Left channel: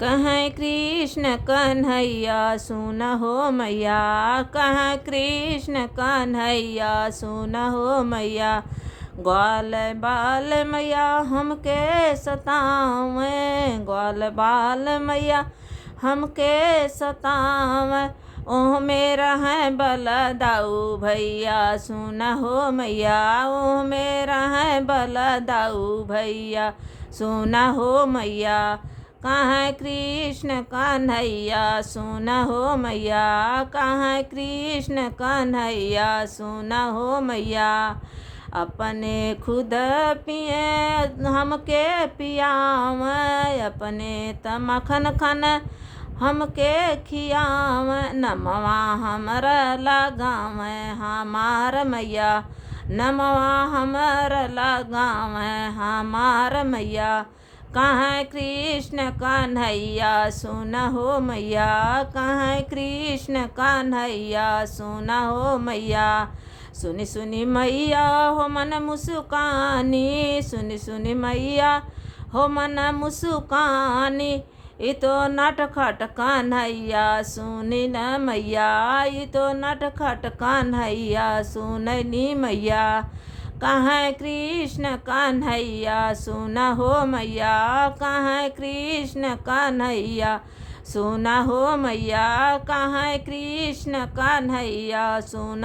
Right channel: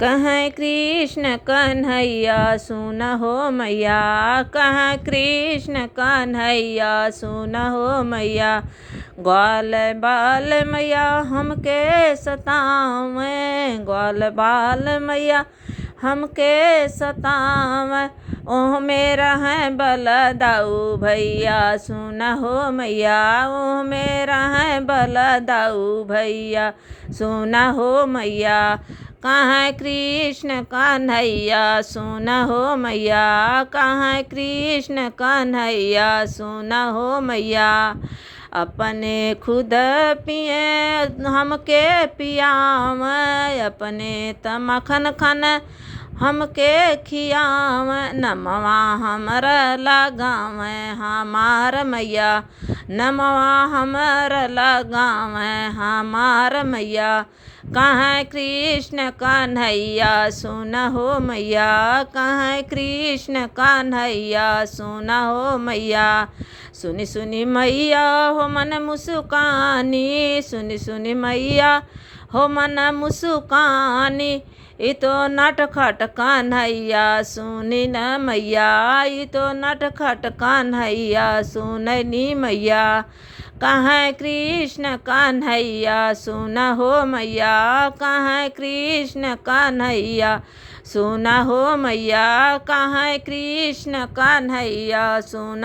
कहाँ कृष्ण कन्हैया सुन हो मैया, कहाँ कृष्ण कन्हैया सुन हो मैया। ग्वाल बाल मैया हमके सतावें, ग्वाल बाल मैया हमके सतावें। ओह मेरा है बलदाऊ भैया सुन हो मैया, ओह मेरा है बलदाऊ भैया सुन हो मैया। कहाँ कृष्ण कन्हैया सुन हो मैया, कहाँ कृष्ण कन्हैया सुन हो मैया। अपने खुद पिए हमके पियाव, अपने त मखन खन हमके खियाव। नमवा हमर लगाव हमार मैया, नमवा हमर लगाव हमार मैया। कहाँ कृष्ण कन्हैया सुन हो मैया, कहाँ कृष्ण कन्हैया सुन हो मैया। सुनी सुनी मैया हो मन मुस्कानी, सुनी सुनी मैया हो मन मुस्कानी। ई तो नटखट कन्हैया सुनी न मैया, ई तो नटखट कन्हैया सुननी मैया। कहाँ कृष्ण कन्हैया सुन हो मैया, कहाँ कृष्ण कन्हैया सुन हो मैया। कहाँ कृष्ण कन्हैया सुन